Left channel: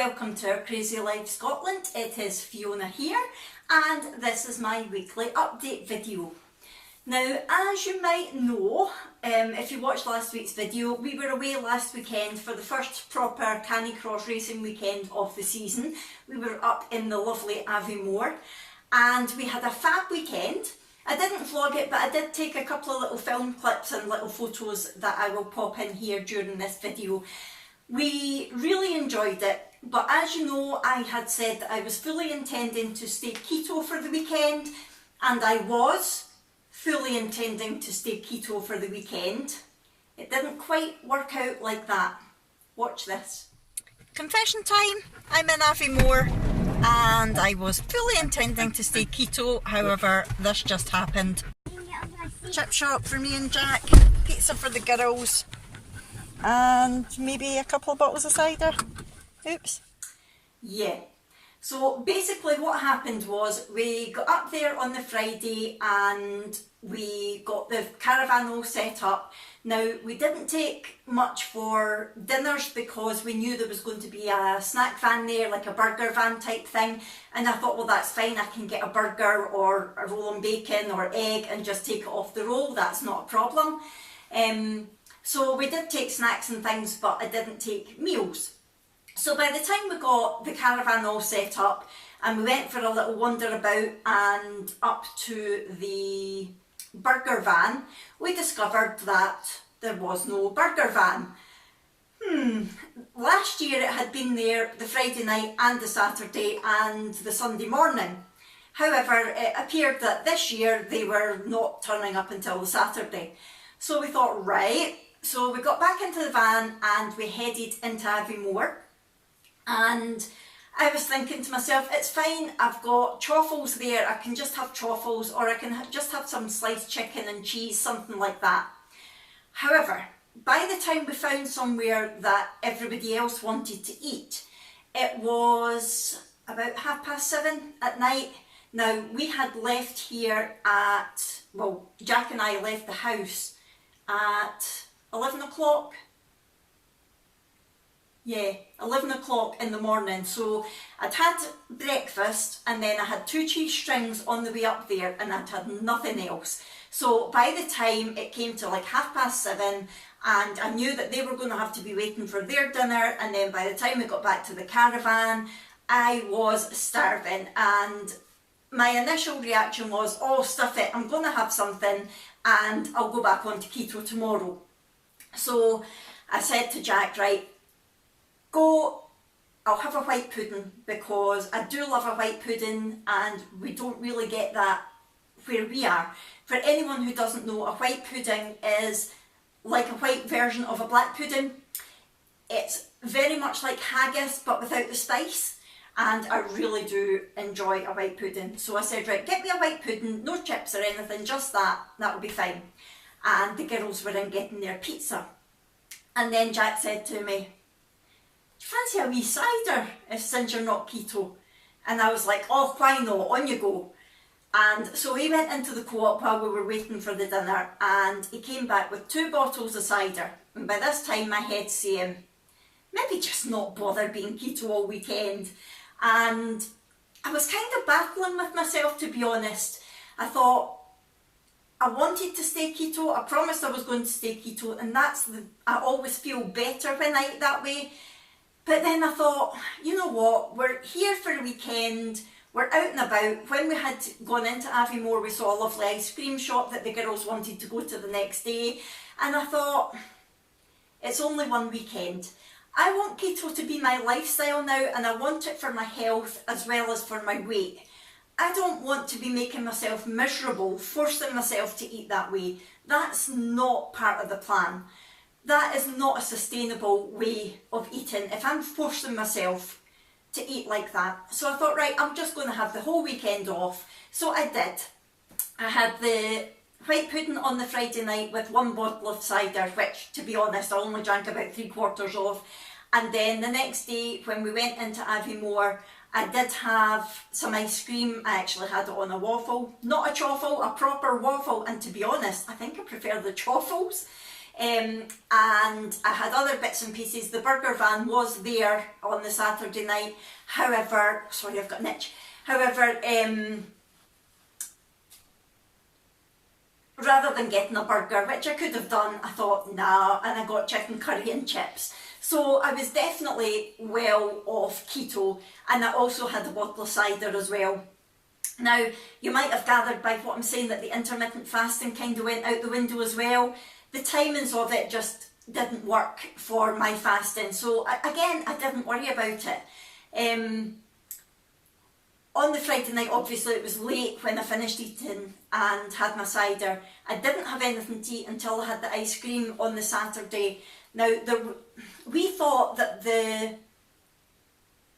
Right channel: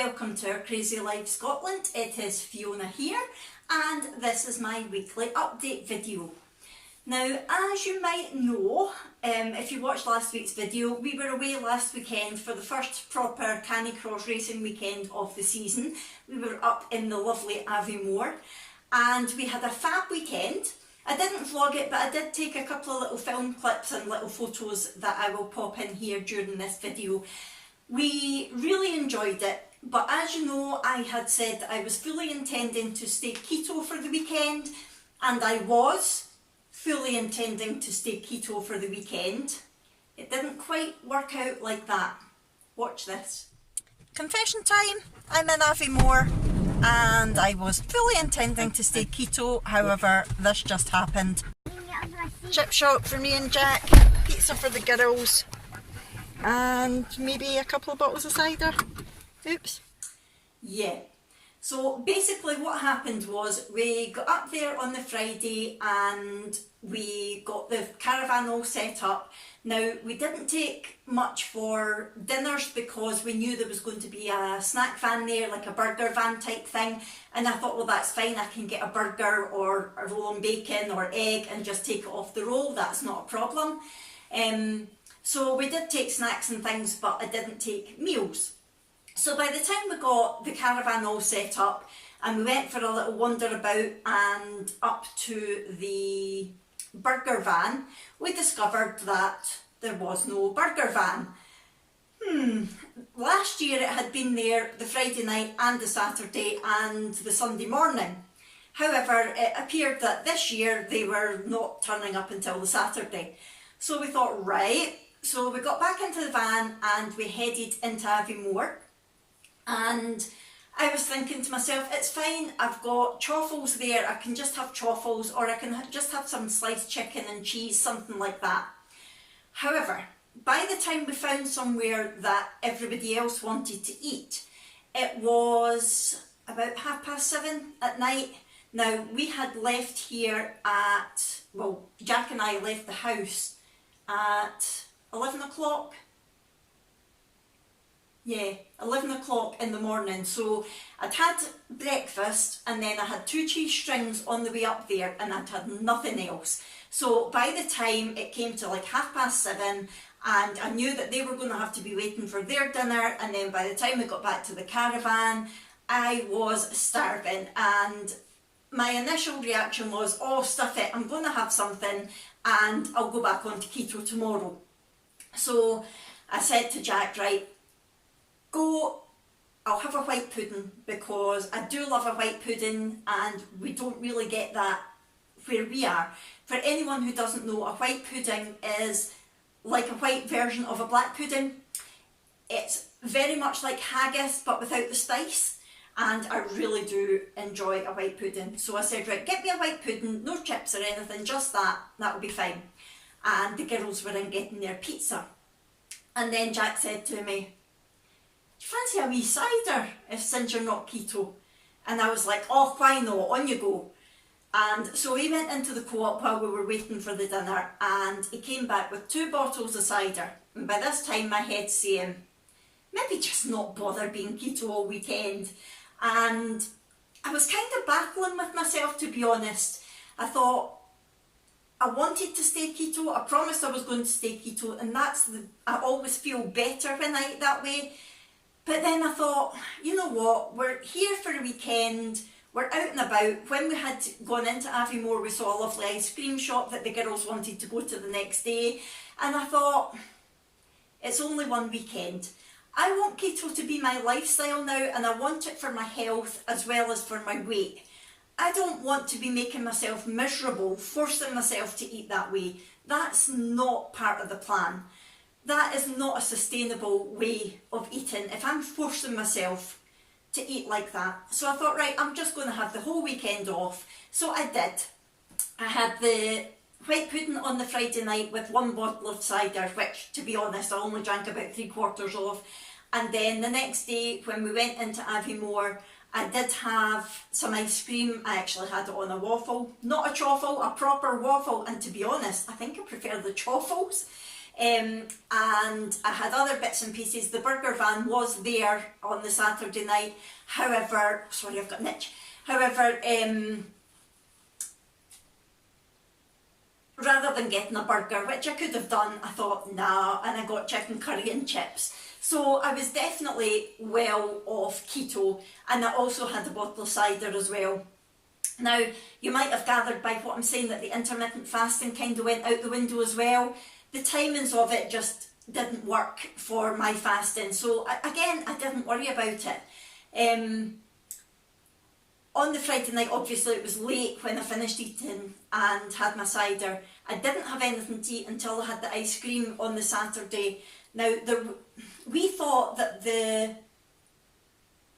welcome to our Crazy Life Scotland. It is Fiona here and this is my weekly update video. Now, as you might know, if you watched last week's video, we were away last weekend for the first proper Canicross racing weekend of the season. We were up in the lovely Aviemore and we had a fab weekend. I didn't vlog it, but I did take a couple of little film clips and little photos that I will pop in here during this video. We really enjoyed it, but as you know, I had said that I was fully intending to stay keto for the weekend, and I was fully intending to stay keto for the weekend. It didn't quite work out like that. Watch this. Confession time, I'm in Aviemore and I was fully intending to stay keto, however this just happened. Chip shop for me and Jack, pizza for the girls, and maybe a couple of bottles of cider. Oops. Yeah. So basically what happened was we got up there on the Friday and we got the caravan all set up. Now, we didn't take much for dinners because we knew there was going to be a snack van there, like a burger van type thing. And I thought, well, that's fine. I can get a burger or a roll on bacon or egg and just take it off the roll. That's not a problem. So we did take snacks and things, but I didn't take meals. So by the time we got the caravan all set up and we went for a little wander about and up to the burger van, we discovered that there was no burger van. Last year it had been there the Friday night and the Saturday and the Sunday morning. However, it appeared that this year they were not turning up until the Saturday. So we thought, right, so we got back into the van and we headed into Aviemore. And I was thinking to myself, it's fine, I've got truffles there, I can just have truffles, or I can just have some sliced chicken and cheese, something like that. However, by the time we found somewhere that everybody else wanted to eat, it was about 7:30 at night. Now, we had left here at, well, Jack and I left the house at 11 o'clock. Yeah, 11 o'clock in the morning. So I'd had breakfast and then I had 2 cheese strings on the way up there and I'd had nothing else. So by the time it came to like 7:30 and I knew that they were going to have to be waiting for their dinner, and then by the time we got back to the caravan, I was starving, and my initial reaction was, oh stuff it, I'm going to have something and I'll go back onto keto tomorrow. So I said to Jack, right, go, I'll have a white pudding because I do love a white pudding and we don't really get that where we are. For anyone who doesn't know, a white pudding is like a white version of a black pudding. It's very much like haggis but without the spice, and I really do enjoy a white pudding. So I said, right, get me a white pudding, no chips or anything, just that'll be fine. And the girls were in getting their pizza. And then Jack said to me, do you fancy a wee cider since you're not keto? And I was like, oh, why not, on you go. And so we went into the co-op while we were waiting for the dinner, and he came back with 2 bottles of cider. And by this time my head's saying, maybe just not bother being keto all weekend. And I was kind of battling with myself, to be honest. I thought, I wanted to stay keto, I promised I was going to stay keto, and I always feel better when I eat that way. But then I thought, you know what, we're here for a weekend, we're out and about. When we had gone into Aviemore, we saw a lovely ice cream shop that the girls wanted to go to the next day. And I thought, it's only one weekend. I want keto to be my lifestyle now, and I want it for my health as well as for my weight. I don't want to be making myself miserable, forcing myself to eat that way. That's not part of the plan. That is not a sustainable way of eating if I'm forcing myself to eat like that. So I thought, right, I'm just going to have the whole weekend off. So I did. I had the white pudding on the Friday night with 1 bottle of cider, which, to be honest, I only drank about 3/4 of. And then the next day when we went into Aviemore, I did have some ice cream. I actually had it on a waffle, not a chaffle, a proper waffle. And to be honest, I think I prefer the chaffles. And I had other bits and pieces. The burger van was there on the Saturday night. However, sorry, I've got an itch. However, rather than getting a burger, which I could have done, I thought, nah, and I got chicken curry and chips. So I was definitely well off keto, and I also had a bottle of cider as well. Now, you might have gathered by what I'm saying that the intermittent fasting kind of went out the window as well. The timings of it just didn't work for my fasting. So again, I didn't worry about it. On the Friday night, obviously it was late when I finished eating and had my cider. I didn't have anything to eat until I had the ice cream on the Saturday. Now, we thought that the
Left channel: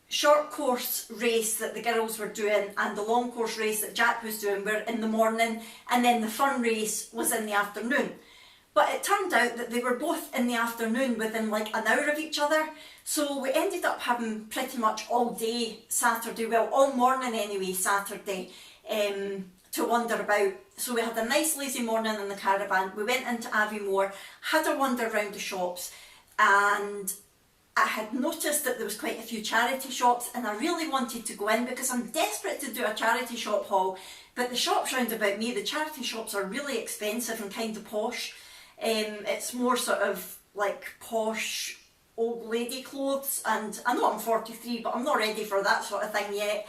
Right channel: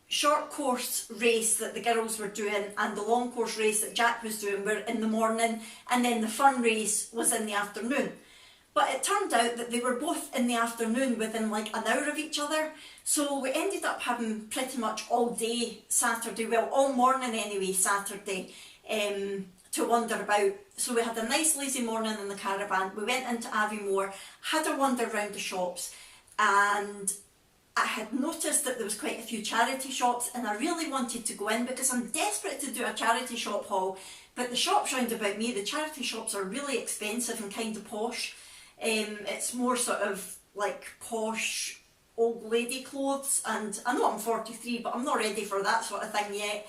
short course race that the girls were doing and the long course race that Jack was doing were in the morning, and then the fun race was in the afternoon. But it turned out that they were both in the afternoon within like an hour of each other. So we ended up having pretty much all day Saturday, well, all morning anyway, Saturday, to wander about. So we had a nice lazy morning in the caravan. We went into Aviemore, had a wander around the shops, and I had noticed that there was quite a few charity shops, and I really wanted to go in because I'm desperate to do a charity shop haul. But the shops round about me, the charity shops are really expensive and kind of posh. It's more sort of like posh old lady clothes, and I know I'm 43, but I'm not ready for that sort of thing yet.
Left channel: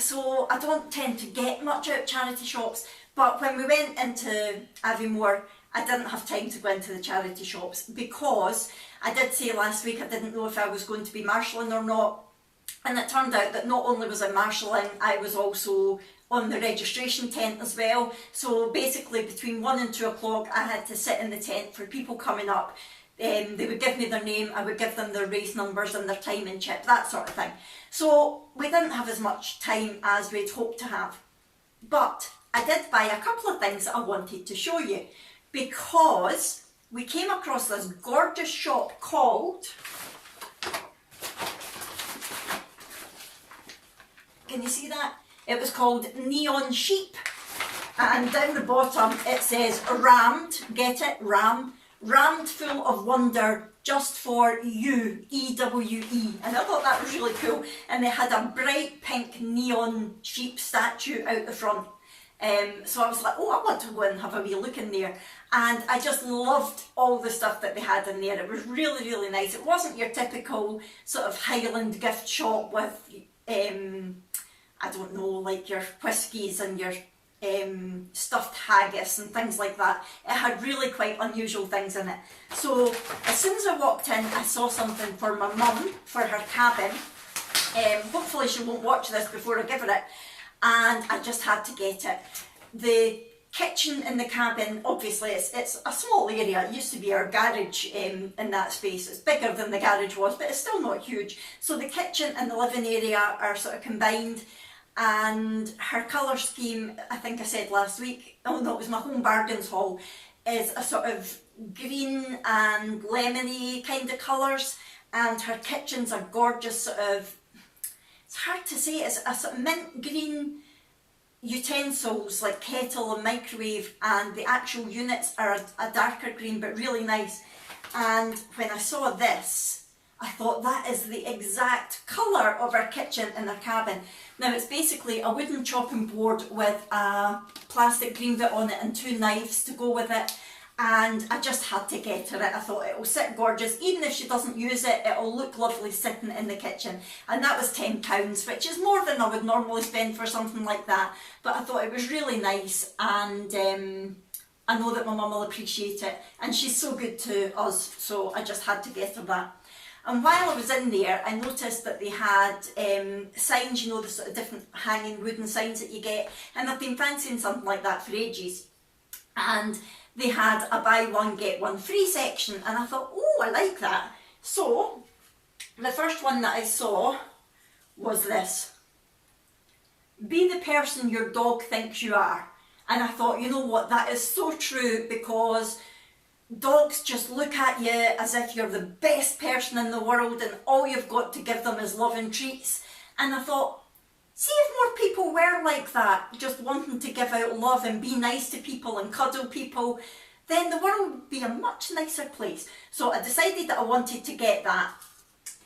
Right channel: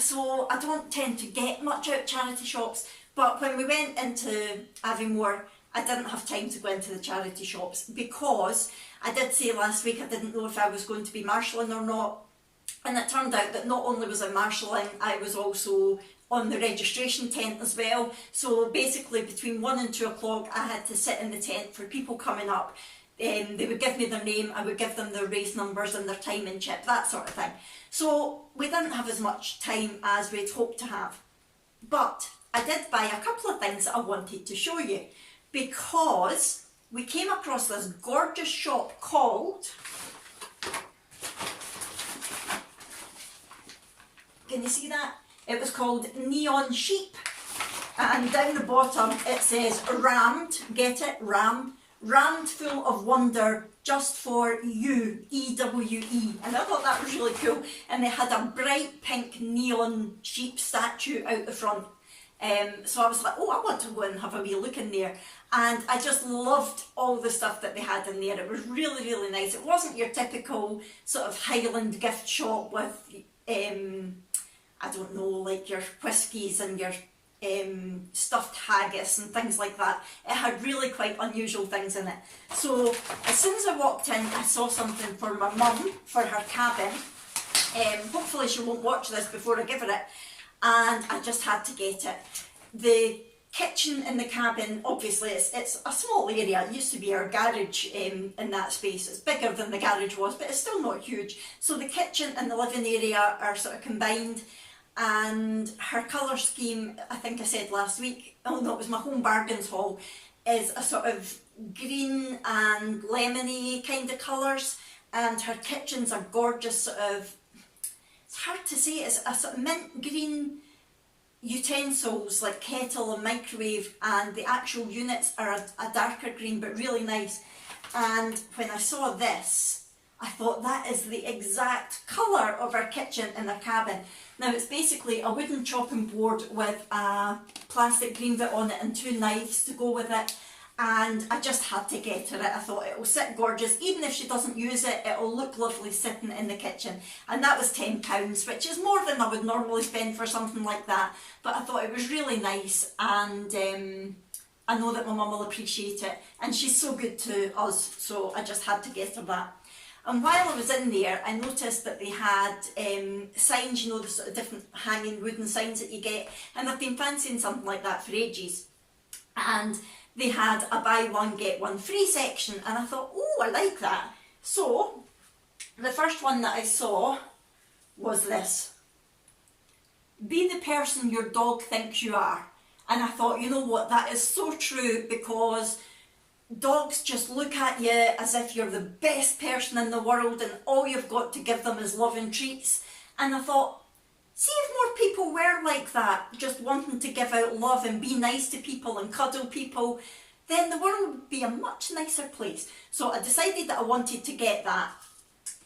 So I don't tend to get much out of charity shops, but when we went into Aviemore, I didn't have time to go into the charity shops because I did say last week I didn't know if I was going to be marshalling or not, and it turned out that not only was I marshalling, I was also on the registration tent as well. So basically between 1 and 2 o'clock I had to sit in the tent for people coming up. They would give me their name, I would give them their race numbers and their timing chip, that sort of thing. So we didn't have as much time as we'd hoped to have. But I did buy a couple of things that I wanted to show you, because we came across this gorgeous shop called, can you see that? It was called Neon Sheep, and down the bottom it says rammed, get it, rammed full of wonder just for you, EWE, and I thought that was really cool. And they had a bright pink neon sheep statue out the front, so I was like, oh, I want to go and have a wee look in there. And I just loved all the stuff that they had in there. It was really, really nice. It wasn't your typical sort of Highland gift shop with I don't know, like your whiskies and your stuffed haggis and things like that. It had really quite unusual things in it. So as soon as I walked in, I saw something for my mum, for her cabin. Hopefully she won't watch this before I give her it. And I just had to get it. The kitchen in the cabin, obviously it's a small area. It used to be our garage in that space. It's bigger than the garage was, but it's still not huge. So the kitchen and the living area are sort of combined. And her colour scheme, I think I said last week, oh no, it was my Home Bargains haul, is a sort of green and lemony kind of colours, and her kitchens are gorgeous sort of, it's hard to say, it's a sort of mint green utensils like kettle and microwave, and the actual units are a darker green but really nice. And when I saw this, I thought that is the exact colour of our kitchen in our cabin. Now it's basically a wooden chopping board with a plastic green bit on it and 2 knives to go with it, and I just had to get her it. I thought it will sit gorgeous, even if she doesn't use it, it'll look lovely sitting in the kitchen. And that was £10, which is more than I would normally spend for something like that, but I thought it was really nice, and I know that my mum will appreciate it, and she's so good to us, so I just had to get her that. And while I was in there, I noticed that they had signs, you know, the sort of different hanging wooden signs that you get, and I've been fancying something like that for ages. And they had a buy one get one free section, and I thought, oh, I like that. So the first one that I saw was this: be the person your dog thinks you are. And I thought, you know what, that is so true, because dogs just look at you as if you're the best person in the world and all you've got to give them is love and treats. And I thought, see if more people were like that, just wanting to give out love and be nice to people and cuddle people, then the world would be a much nicer place. So I decided that I wanted to get that,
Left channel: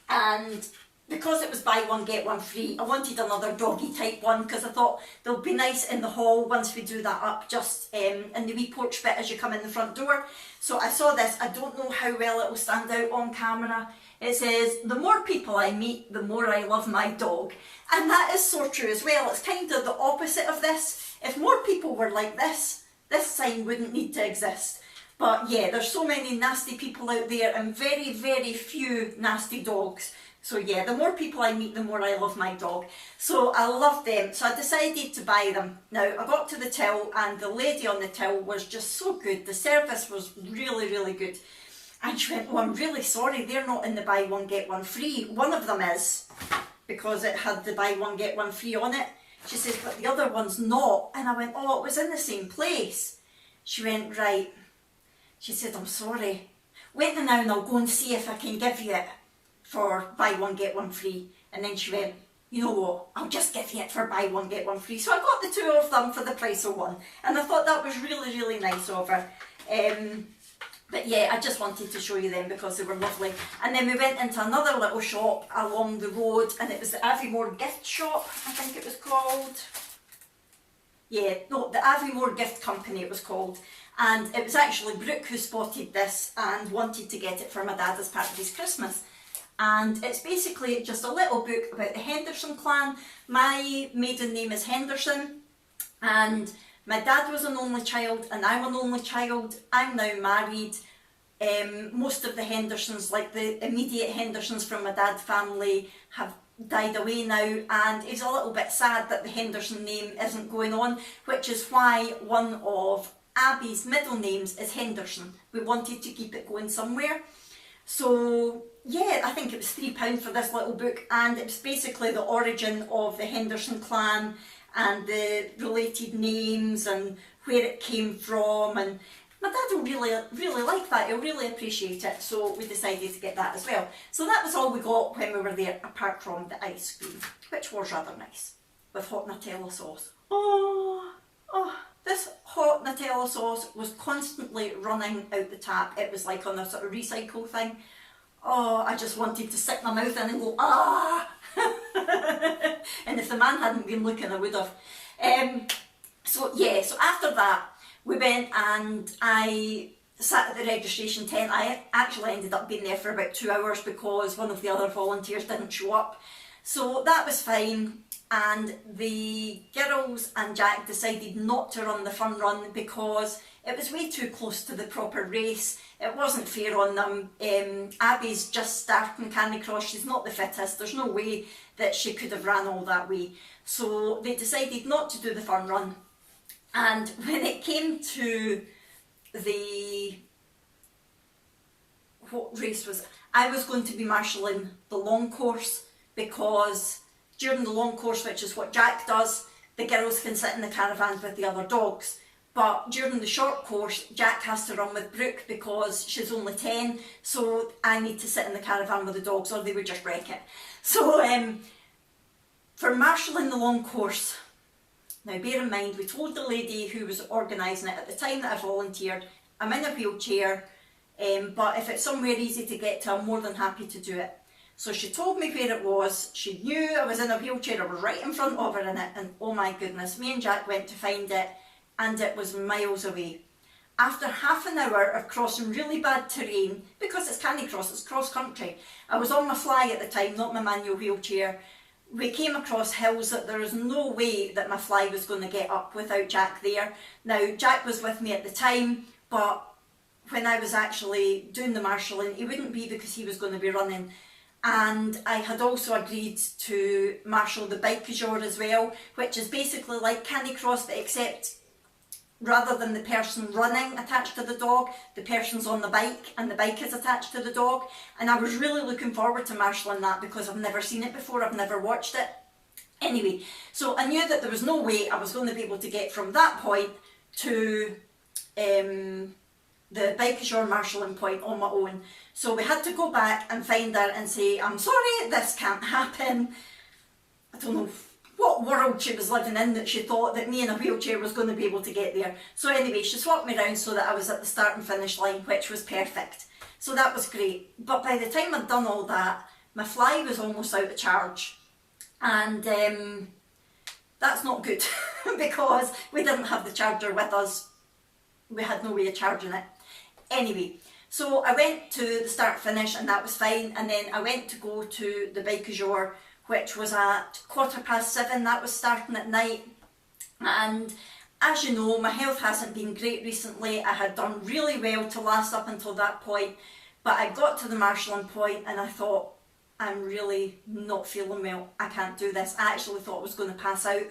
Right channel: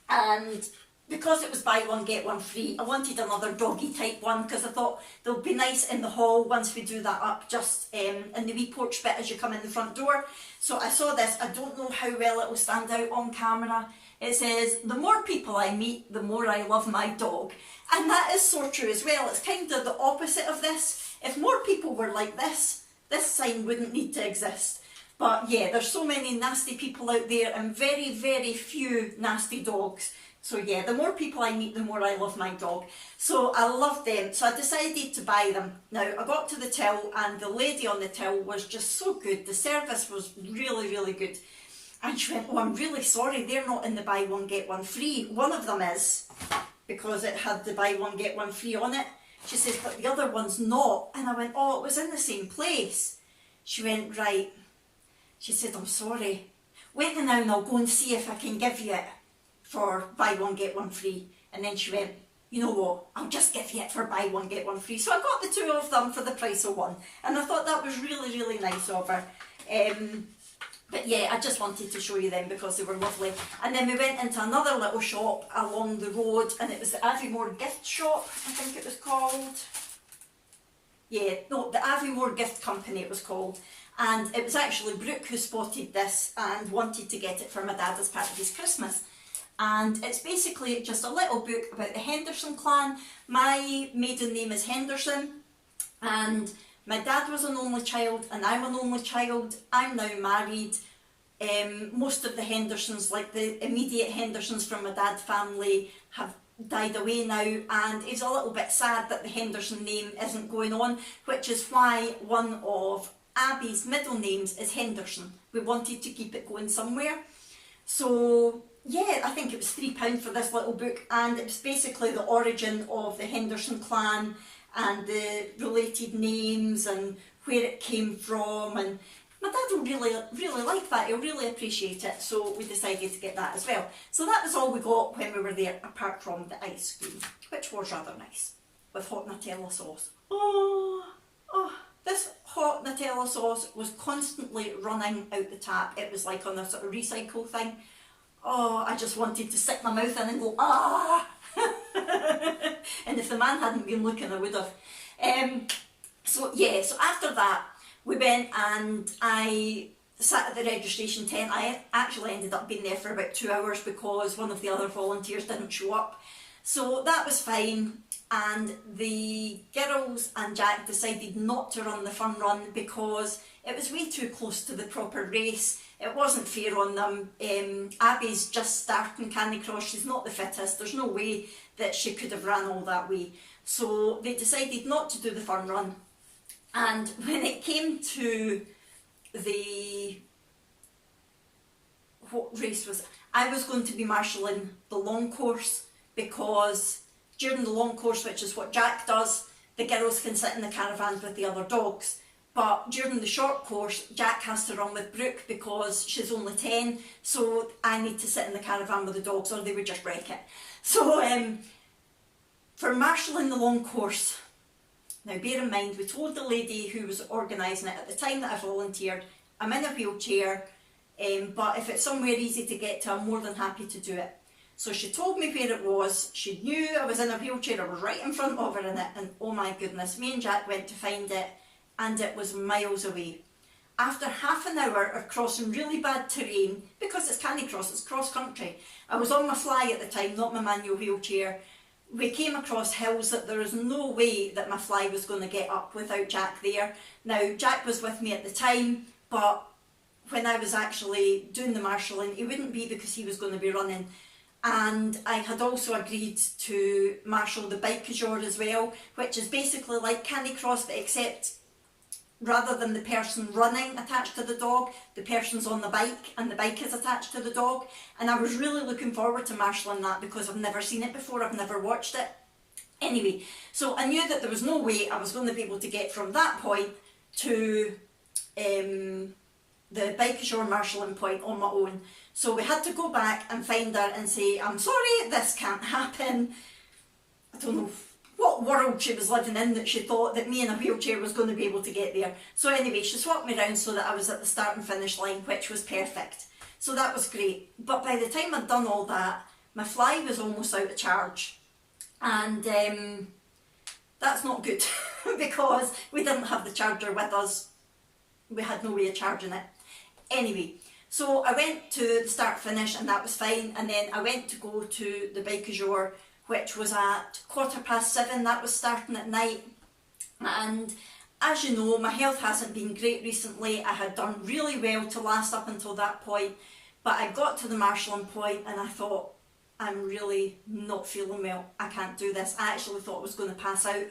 and because it was buy one get one free, I wanted another doggy type one because I thought they'll be nice in the hall once we do that up, just in the wee porch bit as you come in the front door. So I saw this. I don't know how well it will stand out on camera. It says, the more people I meet, the more I love my dog. And that is so true as well. It's kind of the opposite of this. If more people were like this sign wouldn't need to exist. But yeah, there's so many nasty people out there and very, very few nasty dogs. So yeah, the more people I meet, the more I love my dog. So I love them. So I decided to buy them. Now, I got to the till and the lady on the till was just so good. The service was really, really good. And she went, oh, I'm really sorry, they're not in the buy one get one free. One of them is, because it had the buy one get one free on it. She says, but the other one's not. And I went, oh, it was in the same place. She went, right. She said, I'm sorry. Wait now and I'll go and see if I can give you it for buy one get one free. And then she went, you know what, I'll just give you it for buy one get one free. So I got the two of them for the price of one, and I thought that was really, really nice of her. But yeah, I just wanted to show you them because they were lovely. And then we went into another little shop along the road, and it was the Aviemore gift shop, I think it was called. Yeah, no, the Aviemore Gift Company it was called. And it was actually Brooke who spotted this and wanted to get it for my dad as part of his Christmas. And it's basically just a little book about the Henderson clan. My maiden name is Henderson, and my dad was an only child and I'm an only child. I'm now married. Most of the Hendersons, like the immediate Hendersons from my dad's family, have died away now, and it's a little bit sad that the Henderson name isn't going on, which is why one of Abby's middle names is Henderson. We wanted to keep it going somewhere. So yeah, I think it was £3 for this little book, and it was basically the origin of the Henderson clan and the related names and where it came from, and my dad will really like that. He'll really appreciate it, so we decided to get that as well. So that was all we got when we were there, apart from the ice cream, which was rather nice, with hot Nutella sauce. Oh, this hot Nutella sauce was constantly running out the tap. It was like on a sort of recycle thing. Oh, I just wanted to stick my mouth in and go, ah! And if the man hadn't been looking, I would have. So yeah, so after that, we went and I sat at the registration tent. I actually ended up being there for about 2 hours because one of the other volunteers didn't show up. So that was fine. And the girls and Jack decided not to run the fun run because it was way too close to the proper race. It wasn't fair on them. Abby's just starting Canicross. She's not the fittest. There's no way that she could have ran all that way. So they decided not to do the fun run. And when it came to the, what race was it? I was going to be marshalling the long course, because during the long course, which is what Jack does, the girls can sit in the caravans with the other dogs. But during the short course, Jack has to run with Brooke because she's only 10, so I need to sit in the caravan with the dogs or they would just wreck it. So for marshalling the long course, now bear in mind, we told the lady who was organising it at the time that I volunteered, I'm in a wheelchair, but if it's somewhere easy to get to, I'm more than happy to do it. So she told me where it was. She knew I was in a wheelchair. I was right in front of her in it, and oh my goodness, me and Jack went to find it, and it was miles away. After half an hour of crossing really bad terrain, because it's Canicross, it's cross country. I was on my fly at the time, not my manual wheelchair. We came across hills that there is no way that my fly was going to get up without Jack there. Now, Jack was with me at the time, but when I was actually doing the marshalling, he wouldn't be because he was going to be running. And I had also agreed to marshal the bike jour as well, which is basically like Canicross, but except rather than the person running attached to the dog, the person's on the bike and the bike is attached to the dog. And I was really looking forward to marshalling that because I've never seen it before, I've never watched it. Anyway, so I knew that there was no way I was going to be able to get from that point to the bike jour marshalling point on my own. So we had to go back and find her and say, I'm sorry, this can't happen. I don't know what world she was living in that she thought that me in a wheelchair was going to be able to get there. So anyway, she swapped me around so that I was at the start and finish line, which was perfect. So that was great. But by the time I'd done all that, my fly was almost out of charge. And that's not good because we didn't have the charger with us. We had no way of charging it. Anyway, so I went to the start finish and that was fine. And then I went to go to the bike du jour, which was at 7:15. That was starting at night. And as you know, my health hasn't been great recently. I had done really well to last up until that point, but I got to the marshalling point and I thought, I'm really not feeling well. I can't do this. I actually thought I was going to pass out.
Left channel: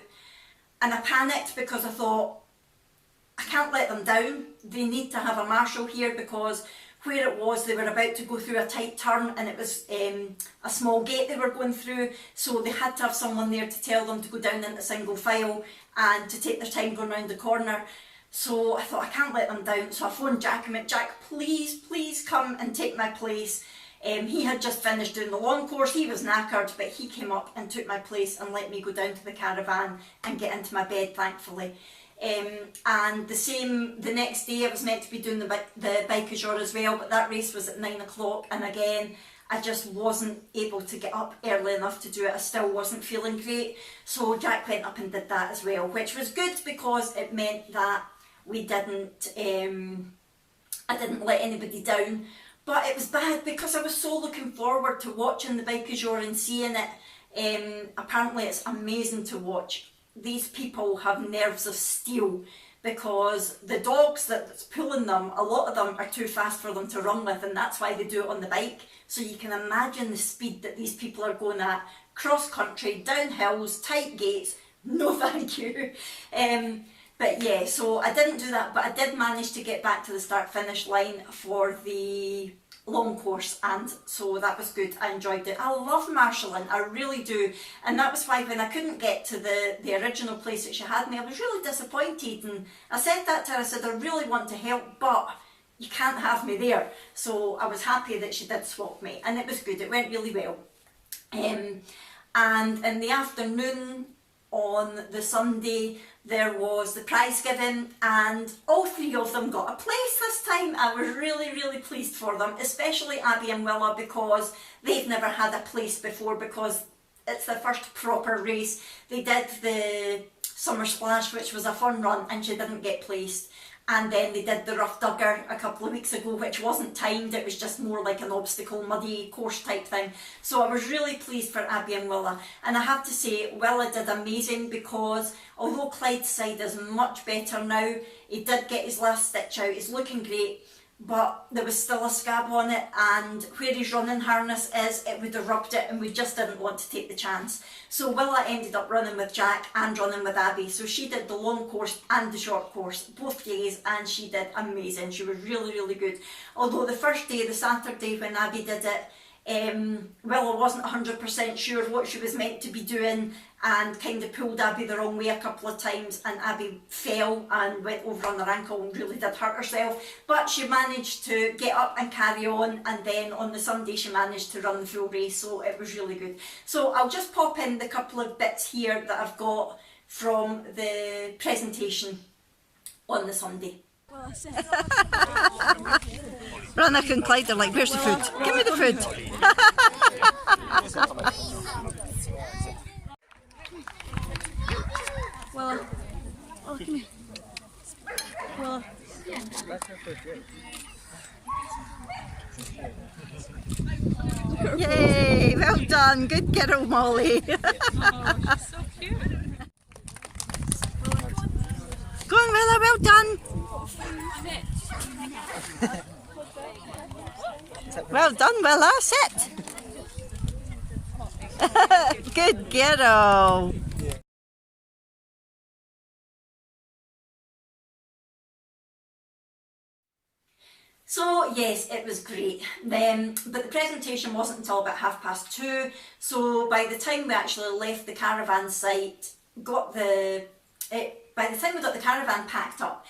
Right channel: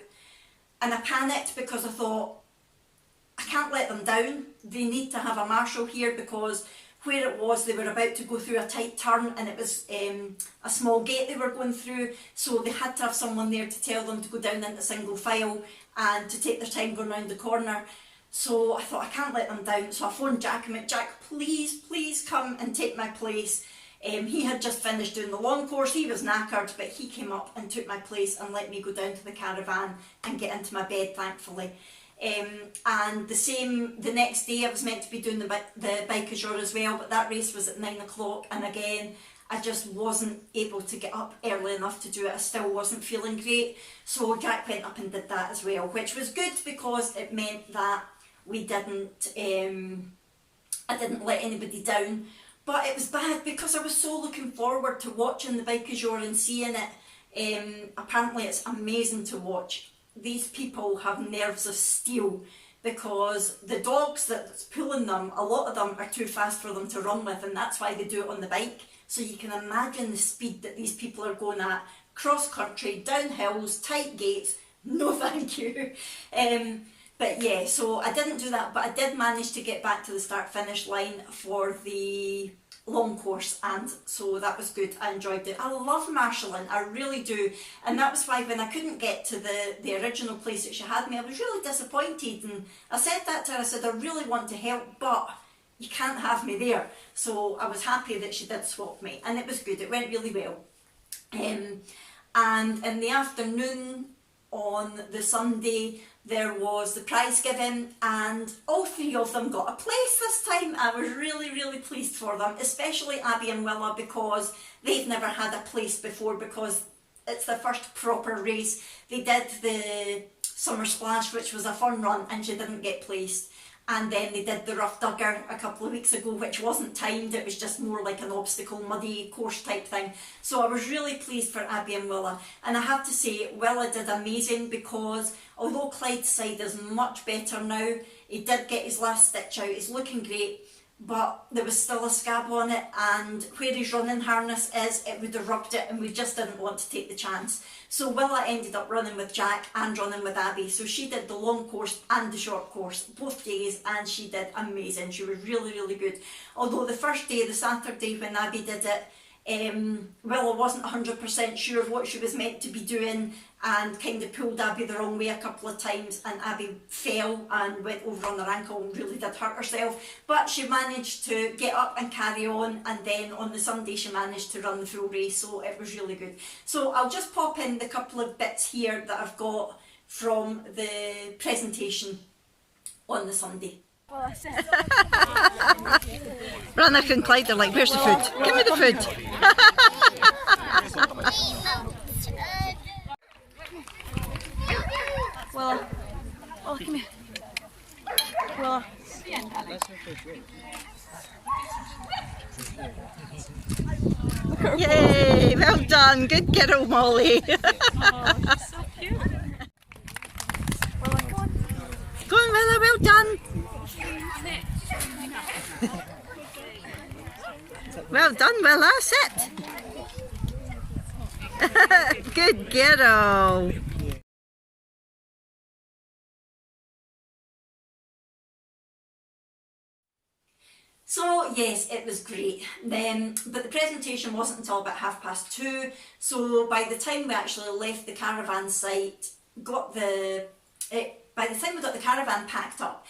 And I panicked because I thought, I can't let them down. They need to have a marshal here because where it was, they were about to go through a tight turn and it was a small gate they were going through. So they had to have someone there to tell them to go down into single file and to take their time going round the corner. So I thought, I can't let them down. So I phoned Jack and went, Jack, please come and take my place. He had just finished doing the long course. He was knackered, but he came up and took my place and let me go down to the caravan and get into my bed, thankfully. And the next day I was meant to be doing the bike du jour as well, but that race was at 9 o'clock, and again I just wasn't able to get up early enough to do it. I still wasn't feeling great, so Jack went up and did that as well, which was good because it meant that we didn't I didn't let anybody down. But it was bad because I was so looking forward to watching the bike du jour and seeing it. Apparently it's amazing to watch. These people have nerves of steel because the dogs that's pulling them, a lot of them are too fast for them to run with, and that's why they do it on the bike. So you can imagine the speed that these people are going at, cross country, down hills, tight gates. No thank you. But yeah, so I didn't do that, but I did manage to get back to the start finish line for the long course, and so that was good. I enjoyed it. I love marshalling, I really do, and that was why when I couldn't get to the original place that she had me, I was really disappointed, and I said that to her. I said, I really want to help, but you can't have me there. So I was happy that she did swap me, and it was good. It went really well. And in the afternoon on the Sunday, there was the prize giving, and all three of them got a place this time. I was really pleased for them, especially Abby and Willa, because they've never had a place before, because it's their first proper race. They did the Summer Splash, which was a fun run, and she didn't get placed. And then they did the Rough Dugger a couple of weeks ago, which wasn't timed. It was just more like an obstacle, muddy course type thing. So I was really pleased for Abby and Willa. And I have to say, Willa did amazing, because although Clyde's side is much better now, he did get his last stitch out. He's looking great, but there was still a scab on it, and where his running harness is, it would have rubbed it, and we just didn't want to take the chance. So Willa ended up running with Jack and running with Abby. So she did the long course and the short course both days, and she did amazing. She was really good. Although the first day, the Saturday when Abby did it, Willa wasn't 100% sure what she was meant to be doing, and kind of pulled Abby the wrong way a couple of times, and Abby fell and went over on her ankle and really did hurt herself. But she managed to get up and carry on, and then on the Sunday she managed to run the full race, so it was really good. So I'll just pop in the couple of bits here that I've got from the presentation on the Sunday. Brannock and Clyde are like, where's the food? Give me the food. Well, oh, come here. Well, Yay, well done. Good girl, Molly. oh, she's so cute. Well, go on. Go on, Willa, well done. Well done, Willa, sit. Good girl. So yes, it was great. But the presentation wasn't until about 2:30. So by the time we actually left the caravan site, by the time we got the caravan packed up,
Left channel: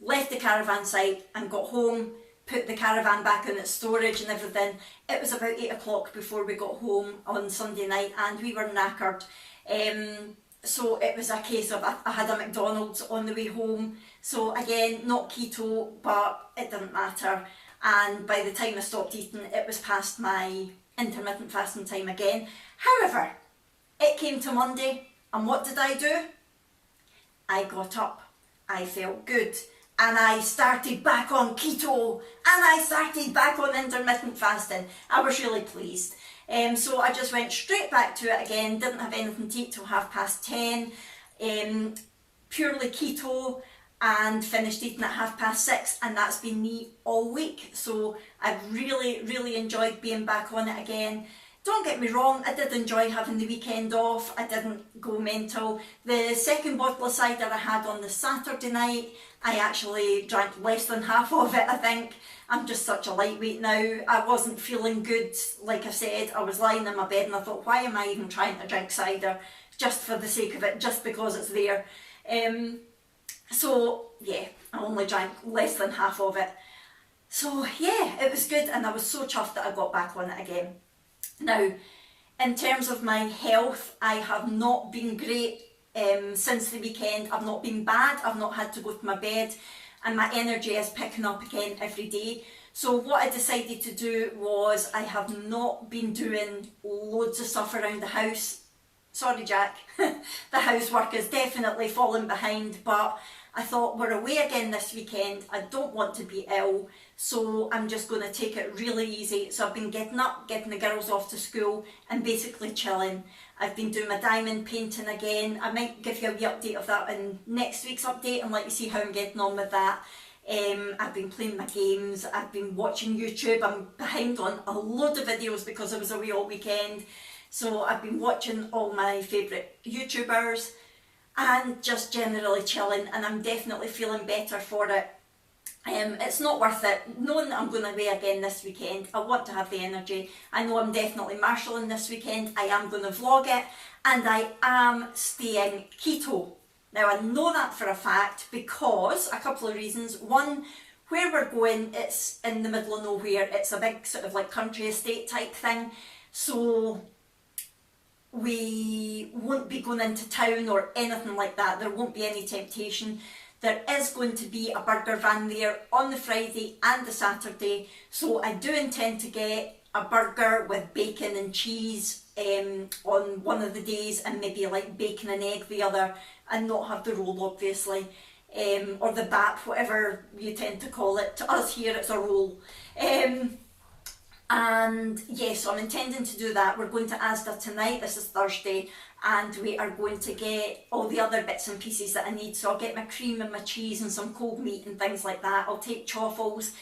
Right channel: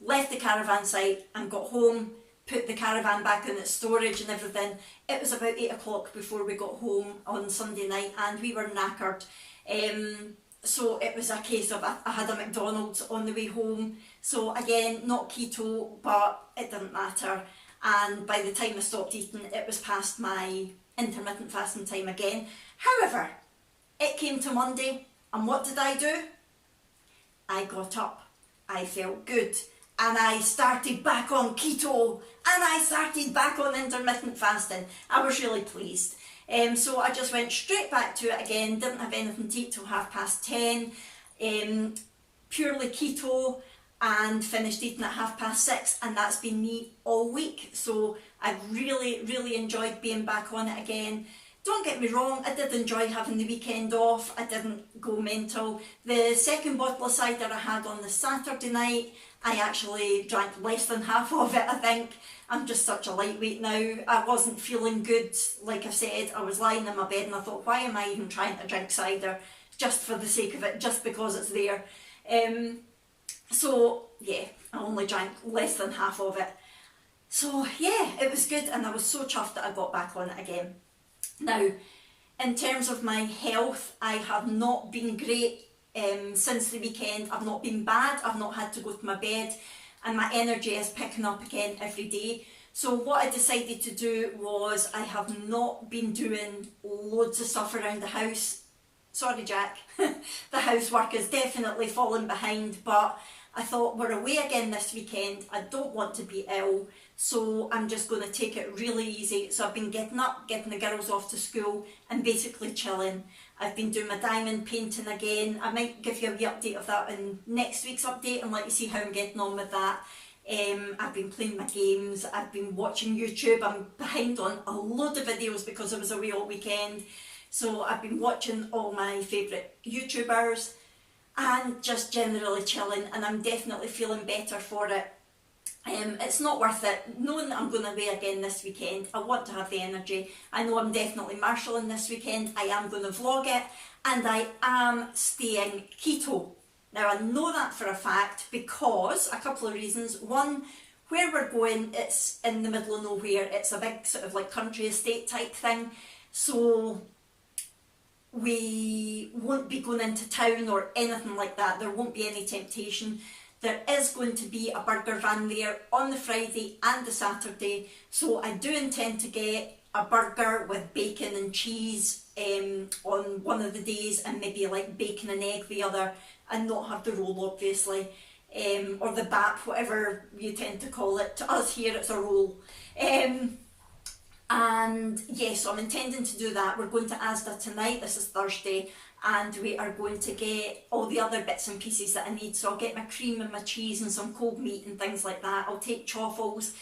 left the caravan site and got home, put the caravan back in its storage and everything, it was about 8 o'clock before we got home on Sunday night, and we were knackered. so it was a case of I had a McDonald's on the way home. So again, not keto, but it didn't matter. And by the time I stopped eating, it was past my intermittent fasting time again. However, it came to Monday, and what did I do? I got up, I felt good, and I started back on keto, and I started back on intermittent fasting. I was really pleased. So I just went straight back to it again, didn't have anything to eat till 10:30, purely keto, and finished eating at 6:30, and that's been me all week. So I've really enjoyed being back on it again. Don't get me wrong, I did enjoy having the weekend off. I didn't go mental. The second bottle of cider I had on the Saturday night, I actually drank less than half of it, I think. I'm just such a lightweight now. I wasn't feeling good, like I said. I was lying in my bed and I thought, why am I even trying to drink cider? Just for the sake of it, just because it's there. So yeah, I only drank less than half of it. So yeah, it was good, and I was so chuffed that I got back on it again. Now, in terms of my health, I have not been great since the weekend. I've not been bad, I've not had to go to my bed, and my energy is picking up again every day. So what I decided to do was, I have not been doing loads of stuff around the house. Sorry Jack, the housework is definitely falling behind, but I thought, we're away again this weekend, I don't want to be ill, so I'm just going to take it really easy. So I've been getting up, getting the girls off to school, and basically chilling. I've been doing my diamond painting again. I might give you a wee update of that in next week's update and let you see how I'm getting on with that. I've been playing my games, I've been watching YouTube. I'm behind on a load of videos because I was away all weekend. So I've been watching all my favourite YouTubers and just generally chilling, and I'm definitely feeling better for it. It's not worth it, knowing that I'm going away again this weekend. I want to have the energy. I know I'm definitely marshalling this weekend. I am going to vlog it, and I am staying keto. Now I know that for a fact because a couple of reasons. One, where we're going, it's in the middle of nowhere. It's a big sort of like country estate type thing. So we won't be going into town or anything like that. There won't be any temptation. There is going to be a burger van there on the Friday and the Saturday, so I do intend to get a burger with bacon and cheese on one of the days, and maybe like bacon and egg the other, and not have the roll obviously, or the bap, whatever you tend to call it. To us here it's a roll. And yes, so I'm intending to do that. We're going to Asda tonight, this is Thursday, and we are going to get all the other bits and pieces that I need. So I'll get my cream and my cheese and some cold meat and things like that. I'll take chaffles.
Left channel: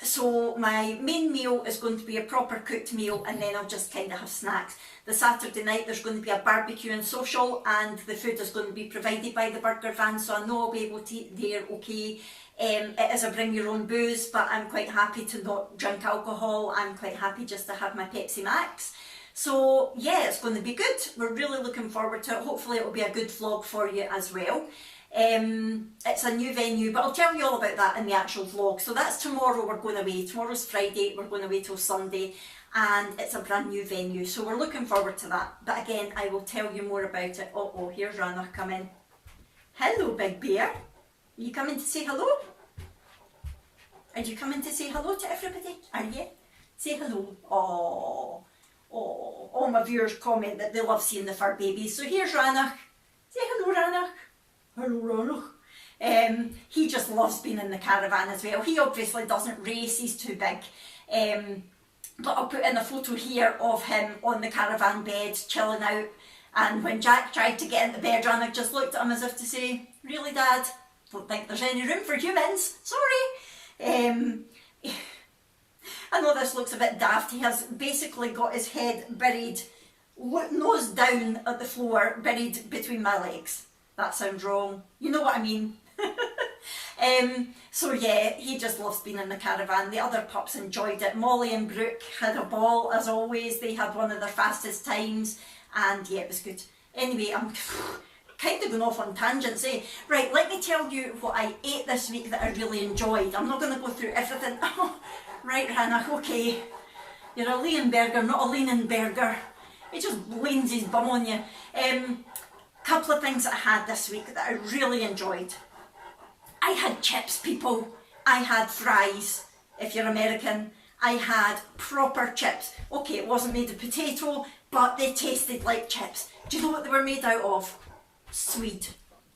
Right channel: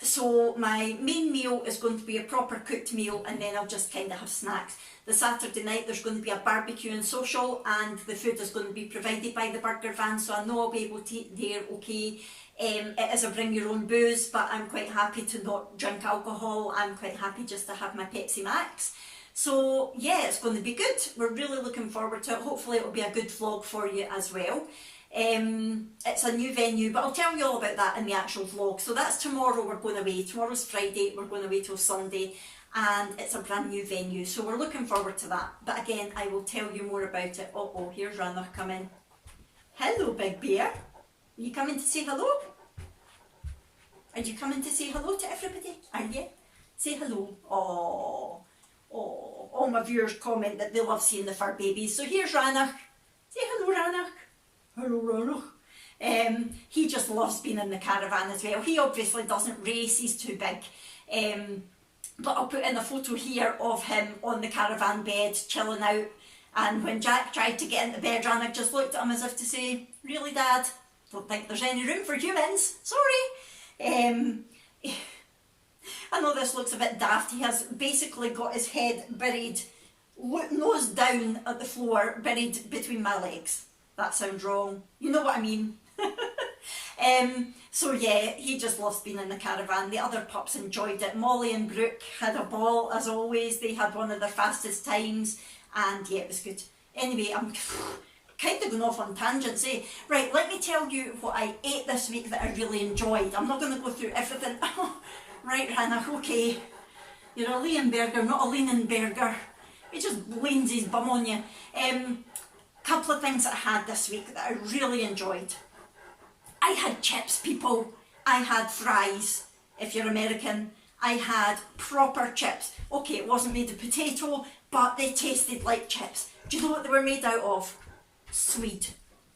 So my main meal is going to be a proper cooked meal, and then I'll just kind of have snacks. The Saturday night there's going to be a barbecue and social, and the food is going to be provided by the burger van, so I know I'll be able to eat there okay. It is a bring your own booze, but I'm quite happy to not drink alcohol. I'm quite happy just to have my Pepsi Max. So yeah, it's going to be good. We're really looking forward to it. Hopefully it'll be a good vlog for you as well. It's a new venue, but I'll tell you all about that in the actual vlog. So that's tomorrow, we're going away. Tomorrow's Friday, we're going away till Sunday, and it's a brand new venue. So we're looking forward to that. But again, I will tell you more about it. Oh, here's Ranach coming. Hello, Big Bear. Are you coming to say hello? Are you coming to say hello to everybody? Are you? Say hello. Oh, all my viewers comment that they love seeing the fur babies. So here's Ranach. Say hello, Ranach. Hello, Ranach. He just loves being in the caravan as well. He obviously doesn't race, he's too big. But I'll put in a photo here of him on the caravan bed, chilling out. And when Jack tried to get into bed, Ranach just looked at him as if to say, really, Dad? Don't think there's any room for humans. Sorry. I know this looks a bit daft. He has basically got his head buried, nose down at the floor, buried between my legs. That sounds wrong. You know what I mean. So yeah, he just loves being in the caravan. The other pups enjoyed it. Molly and Brooke had a ball as always. They had one of their fastest times, and yeah, it was good. Anyway, I'm kind of going off on tangents, eh? Right, let me tell you what I ate this week that I really enjoyed. I'm not going to go through everything. Right, Ranach, okay. You're a Leonberger, not a Leonenberger. He just leans his bum on you. couple of things that I had this week that I really enjoyed. I had chips, people. I had fries, if you're American. I had proper chips. Okay, it wasn't made of potato, but they tasted like chips. Do you know what they were made out of? Swede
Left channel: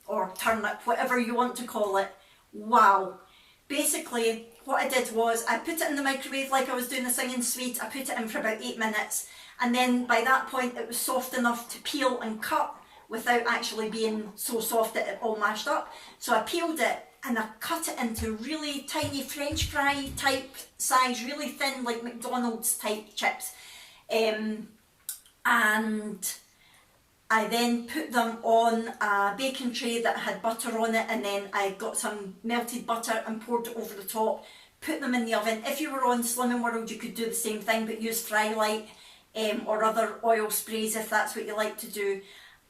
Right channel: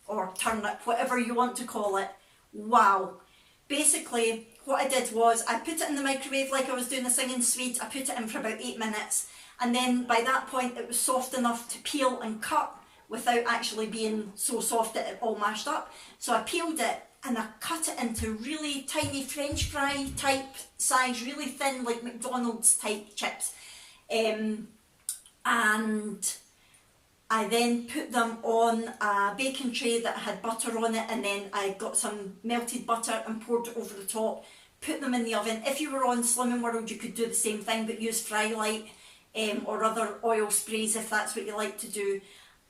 or turnip, whatever you want to call it. Wow. Basically, what I did was I put it in the microwave like I was doing the singing Swede. I put it in for about 8 minutes, and then by that point it was soft enough to peel and cut without actually being so soft that it all mashed up. So I peeled it and I cut it into really tiny French fry type size, really thin, like McDonald's type chips. And I then put them on a baking tray that had butter on it, and then I got some melted butter and poured it over the top, put them in the oven. If you were on Slimming World, you could do the same thing, but use Fry Light or other oil sprays if that's what you like to do.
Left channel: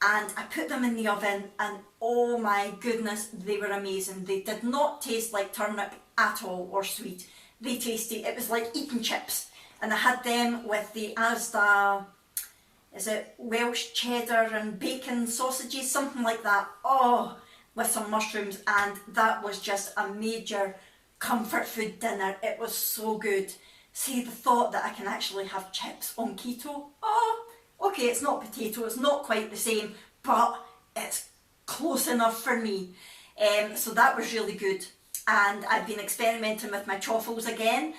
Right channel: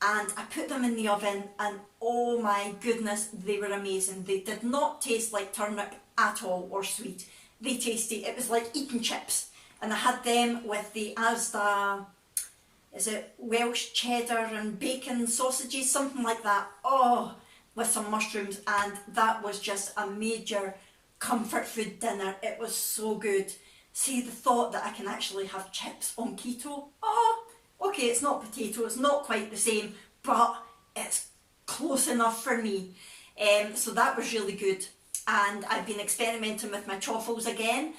And I put them in the oven, and oh my goodness, they were amazing. They did not taste like turnip at all or sweet. They tasted, it was like eating chips. And I had them with the Asda, is it Welsh cheddar and bacon sausages, something like that. Oh, with some mushrooms, and that was just a major comfort food dinner. It was so good. See, the thought that I can actually have chips on keto. Oh, okay, it's not potato, it's not quite the same, but it's close enough for me. So that was really good. And I've been experimenting with my truffles again.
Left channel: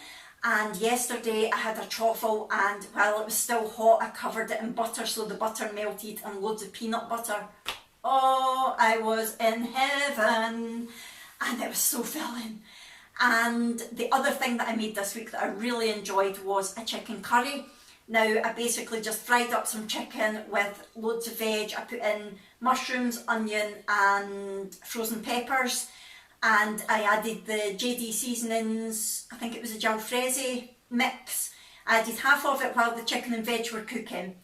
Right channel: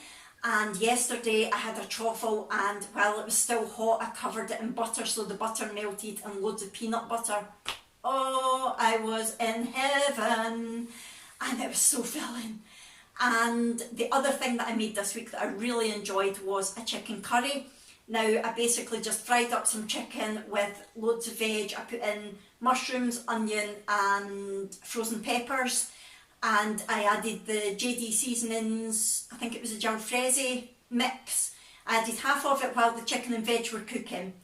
And yesterday I had a truffle, and while it was still hot, I covered it in butter so the butter melted, and loads of peanut butter. Oh, I was in heaven, and it was so filling. And the other thing that I made this week that I really enjoyed was a chicken curry. Now, I basically just fried up some chicken with loads of veg. I put in mushrooms, onion and frozen peppers, and I added the JD seasonings, I think it was a jalfrezi mix. I added half of it while the chicken and veg were cooking,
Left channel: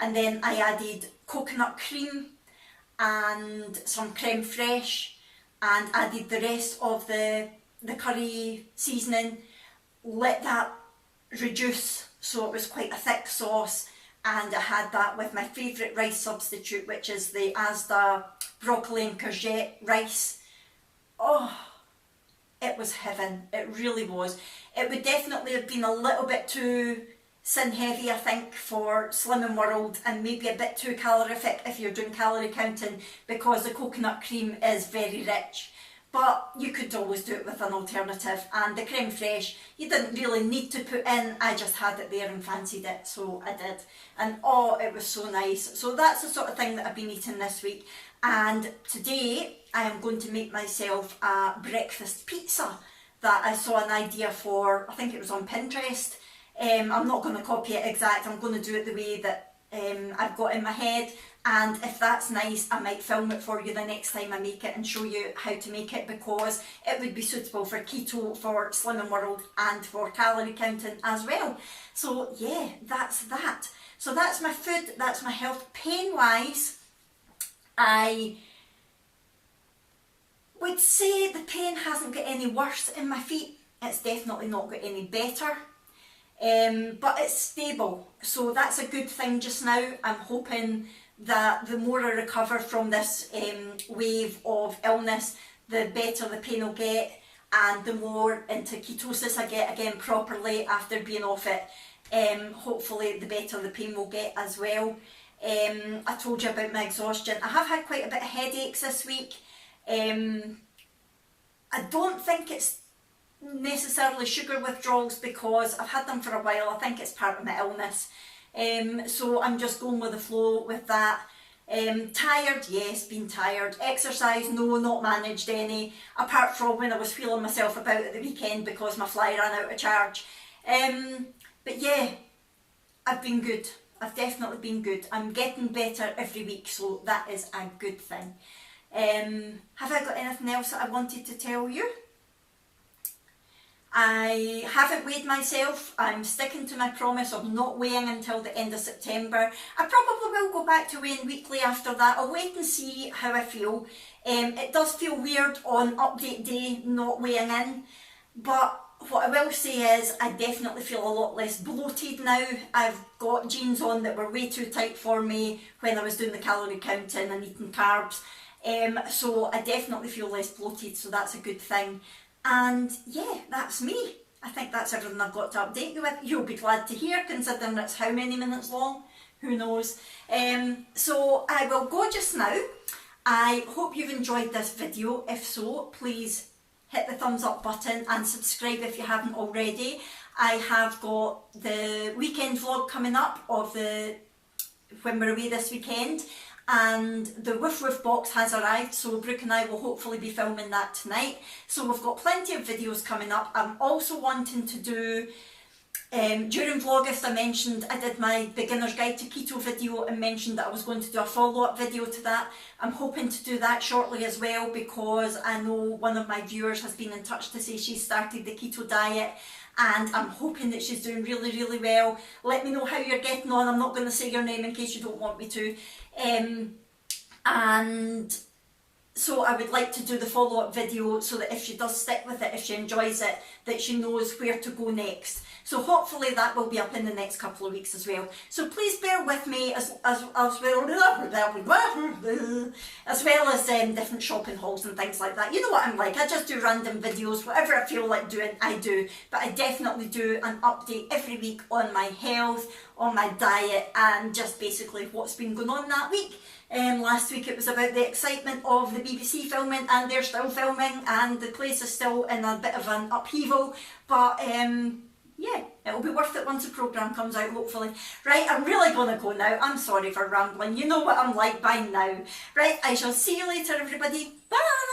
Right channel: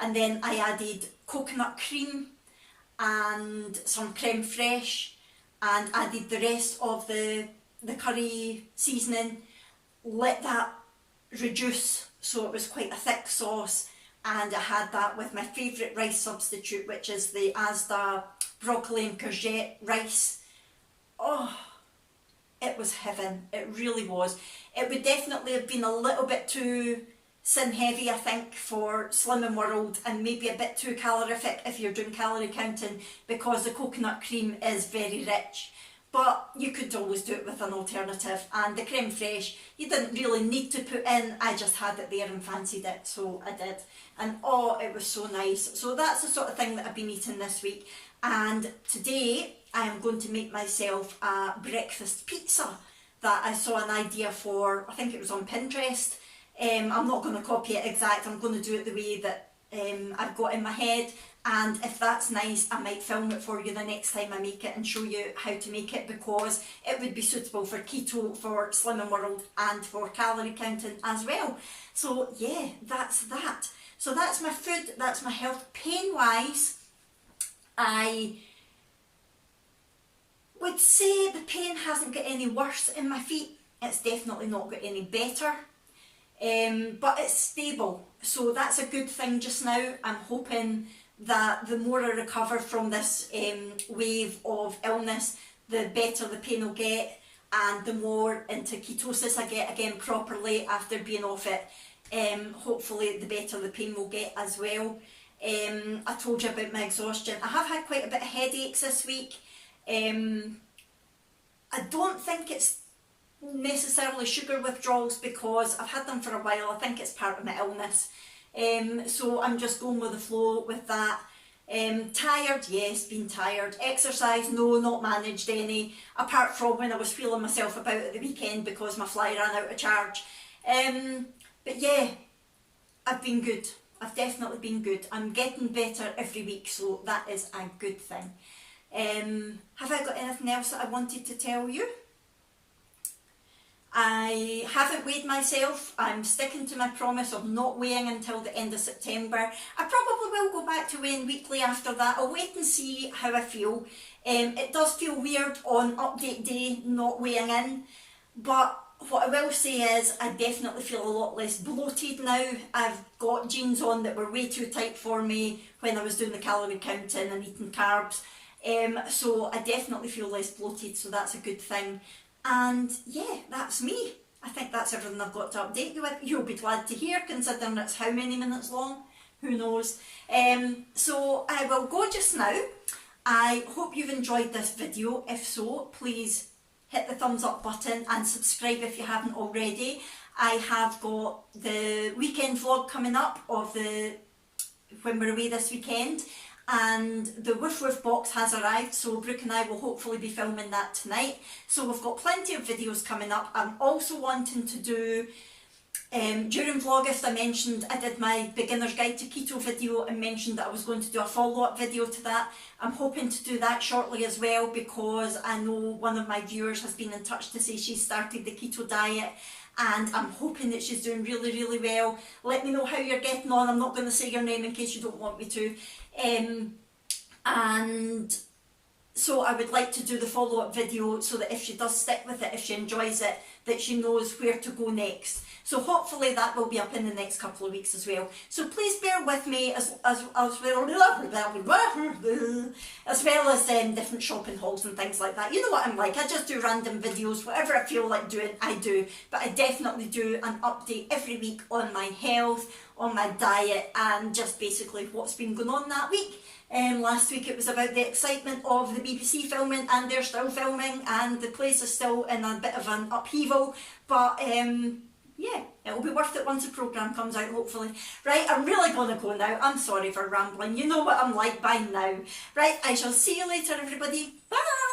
and then I added coconut cream and some creme fraiche, and added the rest of the curry seasoning, let that reduce so it was quite a thick sauce, and I had that with my favourite rice substitute, which is the Asda broccoli and courgette rice. Oh, it was heaven. It really was. It would definitely have been a little bit too sin heavy, I think, for Slimming World, and maybe a bit too calorific if you're doing calorie counting, because the coconut cream is very rich. But you could always do it with an alternative, and the creme fraiche you didn't really need to put in. I just had it there and fancied it, so I did, and oh, it was so nice. So that's the sort of thing that I've been eating this week. And today I am going to make myself a breakfast pizza that I saw an idea for. I think it was on Pinterest. I'm not going to copy it exact. I'm going to do it the way that I've got in my head. And if that's nice, I might film it for you the next time I make it and show you how to make it, because it would be suitable for keto, for Slimming World, and for calorie counting as well. So yeah, that's that. So that's my food, that's my health. Pain wise, I would say the pain hasn't got any worse in my feet. It's definitely not got any better. But it's stable, so that's a good thing just now. I'm hoping that the more I recover from this wave of illness, the better the pain will get, and the more into ketosis I get again properly after being off it, hopefully the better the pain will get as well. I told you about my exhaustion. I have had quite a bit of headaches this week. I don't think it's necessarily sugar withdrawals, because I've had them for a while. I think it's part of my illness. So I'm just going with the flow with that. Tired, yes, been tired. Exercise, no, not managed any, apart from when I was feeling myself about at the weekend because my fly ran out of charge. But yeah, I've been good. I've definitely been good. I'm getting better every week, so that is a good thing. Have I got anything else that I wanted to tell you? I haven't weighed myself. I'm sticking to my promise of not weighing until the end of September. I probably will go back to weighing weekly after that. I'll wait and see how I feel. It does feel weird on update day not weighing in, but what I will say is I definitely feel a lot less bloated now. I've got jeans on that were way too tight for me when I was doing the calorie counting and eating carbs. So I definitely feel less bloated, so that's a good thing. And yeah, that's me. I think that's everything I've got to update you with. You'll be glad to hear, considering it's how many minutes long? Who knows? So I will go just now. I hope you've enjoyed this video. If so, please hit the thumbs up button and subscribe if you haven't already. I have got the weekend vlog coming up of when we're away this weekend, and the Woof Woof box has arrived, so Brooke and I will hopefully be filming that tonight. So we've got plenty of videos coming up. I'm also wanting to do, during Vlogust I mentioned I did my beginner's guide to keto video and mentioned that I was going to do a follow-up video to that. I'm hoping to do that shortly as well, because I know one of my viewers has been in touch to say she started the keto diet, and I'm hoping that she's doing really, really well. Let me know how you're getting on. I'm not going to say your name in case you don't want me to. And so I would like to do the follow-up video so that if she does stick with it, if she enjoys it, that she knows where to go next. So hopefully that will be up in the next couple of weeks as well. So please bear with me as well as different shopping hauls and things like that. You know what I'm like, I just do random videos, whatever I feel like doing, I do. But I definitely do an update every week on my health, on my diet, and just basically what's been going on that week. Last week it was about the excitement of the BBC filming, and they're still filming, and the place is still in a bit of an upheaval, but yeah, it'll be worth it once the programme comes out, hopefully. Right, I'm really going to go now. I'm sorry for rambling. You know what I'm like by now. Right, I shall see you later, everybody. Bye!